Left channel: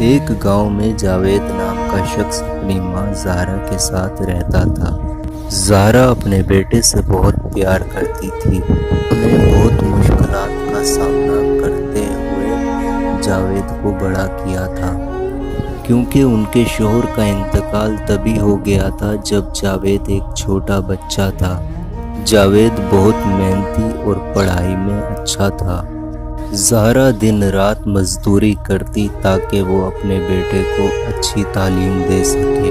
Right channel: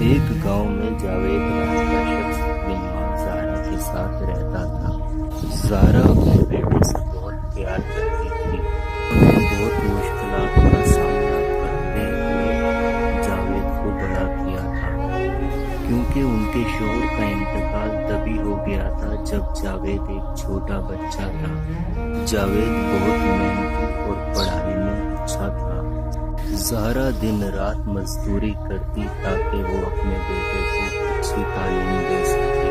ایک گاؤں میں جاوید نام کا شخص اپنی ماں زہرا کے ساتھ رہتا تھا۔ زہرا اپنے بیٹے سے بہت پیار کرتی تھی۔ انہیں بہت مشکلات کا سامنا کرتے ہوئے جاوید کو بڑا کیا تھا، کیونکہ ان کے شوہر کا انتقال تبھی ہو گیا تھا جب جاوید ایک چھوٹا بچہ تھا۔ جاوید بہت محنتی اور پڑھائی میں اچھا تھا۔ زہرا دن رات مزدوری کرتی تاکہ وہ اپنے بیٹے کو اچھی تعلیم دے سکے۔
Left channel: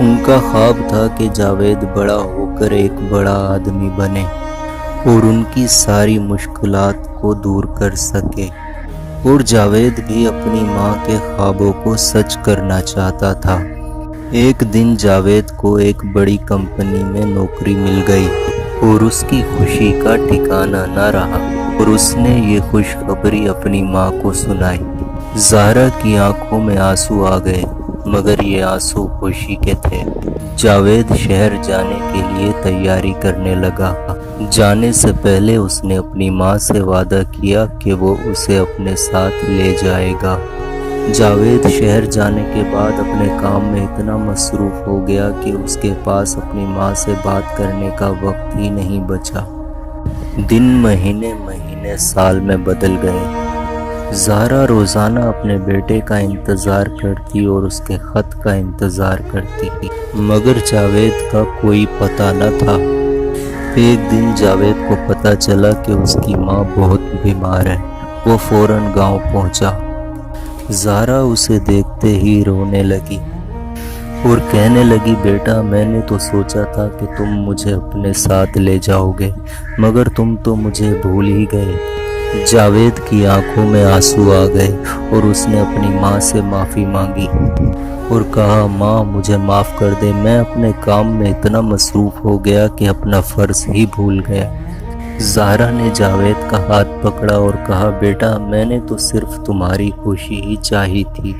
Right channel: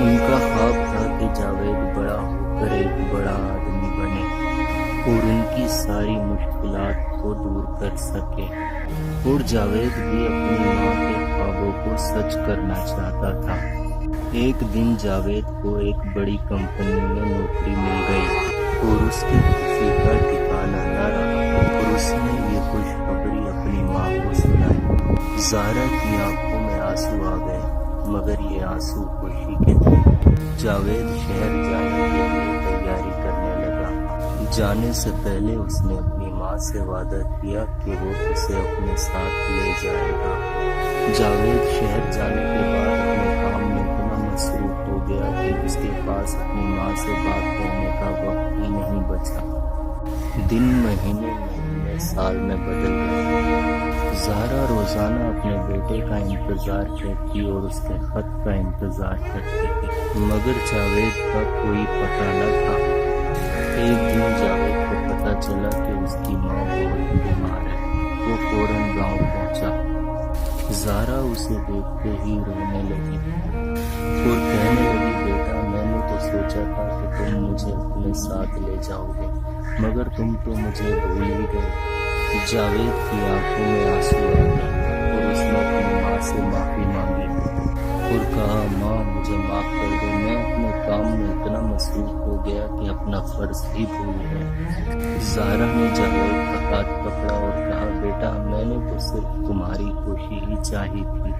ان کا خواب تھا کہ جاوید بڑا ہو کر ایک بڑا آدمی بنے اور ان کی ساری مشکلات کو دور کر سکے، اور جاوید بھی اپنی ماں کے خوابوں کو سچ کرنا چاہتا تھا۔ ایک دن جاوید کو ایک بڑی کمپنی میں نوکری مل گئی اور اس کی خوشی کا ٹھکانہ نہ رہا، اور اس نے یہ خوشخبری اپنی ماں کو سنائی۔ زہرا کی آنکھوں میں آنسو آ گئے، مگر یہ آنسو خوشی کے تھے۔ جاوید شہر جانے کے لیے تیاری کرنے لگا۔ جانے سے پہلے اس نے اپنی ماں سے وعدہ کیا کہ وہ اسے اپنے ساتھ لے جائے گا۔ جاوید شہر جانے کے بعد اپنے کام میں اتنا مصروف ہو گیا کہ اس کے پاس اپنی ماں سے بات کرنے کا وقت ہی نہیں بچا۔ دن مہینے سال میں بدل گئے۔ زہرا روزانہ اپنے بیٹے کا انتظار کرتی اور اس کے خط کا انتظار کرتی تھی، مگر جاوید کا کوئی پتہ نہ تھا۔ ایک دن جاوید کو پتہ چلا کہ اس کی ماں بہت بیمار ہے۔ وہ فوراً گاؤں پہنچا۔ زہرا اسے دیکھتے ہی رونے لگی اور کہنے لگی، بیٹا، میں نے تو سوچا تھا کہ تم مجھے اپنے ساتھ لے جاؤ گے، مگر تم تو مجھے بھول ہی گئے۔ جاوید کی آنکھوں میں آنسو آ گئے اور اس نے اپنی ماں سے معافی مانگی اور کہا، ماں، مجھے معاف کر دے، میں اپنے کام میں اتنا مصروف ہو گیا کہ اپنا فرض ہی بھول گیا۔ زہرا نے جاوید کا ہاتھ پکڑا اور کہا، بیٹا، میں نے تو صرف تمہاری خوشی ہی چاہی تھی۔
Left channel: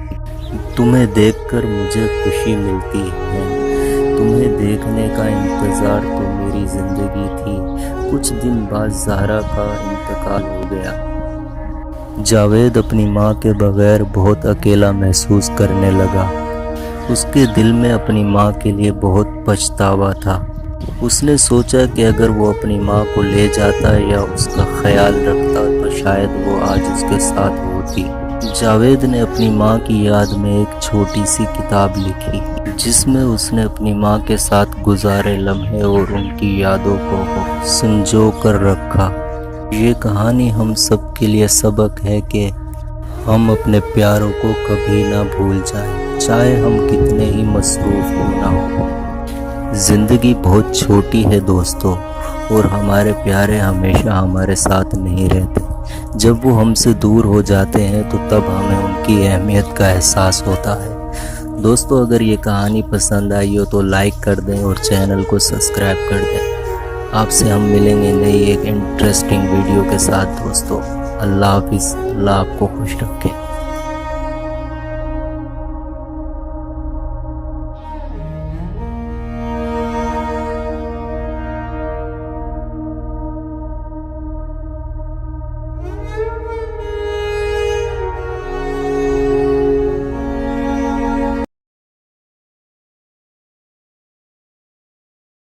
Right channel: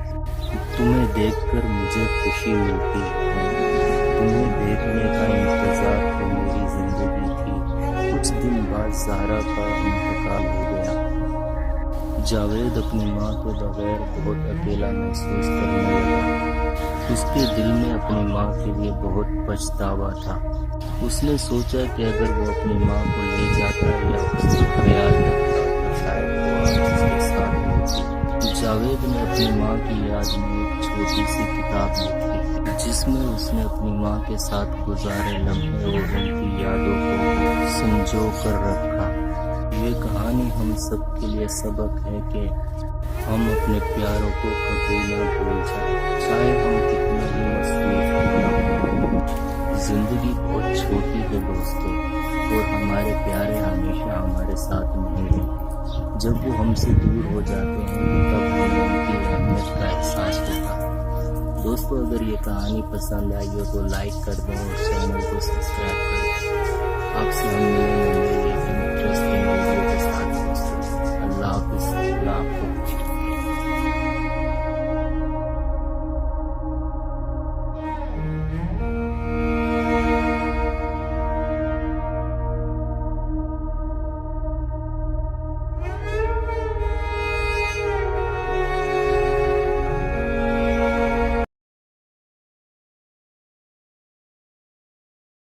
تمہیں دیکھ کر مجھے خوشی ملتی ہے۔ تمہیں دیکھنے کا انتظار تو میری زندگی تھی۔ کچھ دن بعد زہرا کا انتقال ہو گیا۔ جاوید اپنی ماں کے بغیر بہت اکیلا محسوس کرنے لگا۔ اس کے دل میں اپنی ماں کے لیے بہت پچھتاوا تھا۔ اس نے سوچا کہ اگر وہ اپنی ماں کو لے جاتا یا اس کا خیال رکھتا تو شاید وہ آج اس کے ساتھ ہوتی۔ جاوید نے اپنی ماں کی یاد میں ایک چھوٹی سی کتاب لکھی، جس میں اس نے اپنی ماں کے ساتھ گزارے لمحے اور ان کی یادوں کو سنجو کر رکھا۔ یہ کہانی ہم سب کے لیے سبق ہے کہ ہم اپنے پیاروں کو کبھی نہ بھول جائیں، چاہے ہم کتنے ہی مصروف کیوں نہ ہوں۔ زندگی بہت چھوٹی ہے دوستو، اور ہمارے پیارے ہمیشہ ہمارے ساتھ نہیں رہتے۔ جب وہ ہم سے دور ہو جاتے ہیں تو تب ہمیں ان کی اہمیت کا احساس ہوتا ہے۔ دوستو، اگر یہ کہانی پسند آئی ہو تو لائک کر دیں اور چینل کو سبسکرائب کر دیں۔ آپ سے ہم ملیں گے نئی ایک انٹرسٹنگ ویڈیو کے ساتھ دوستو۔ اللہ حافظ، اللہ آپ کو خوش رکھے۔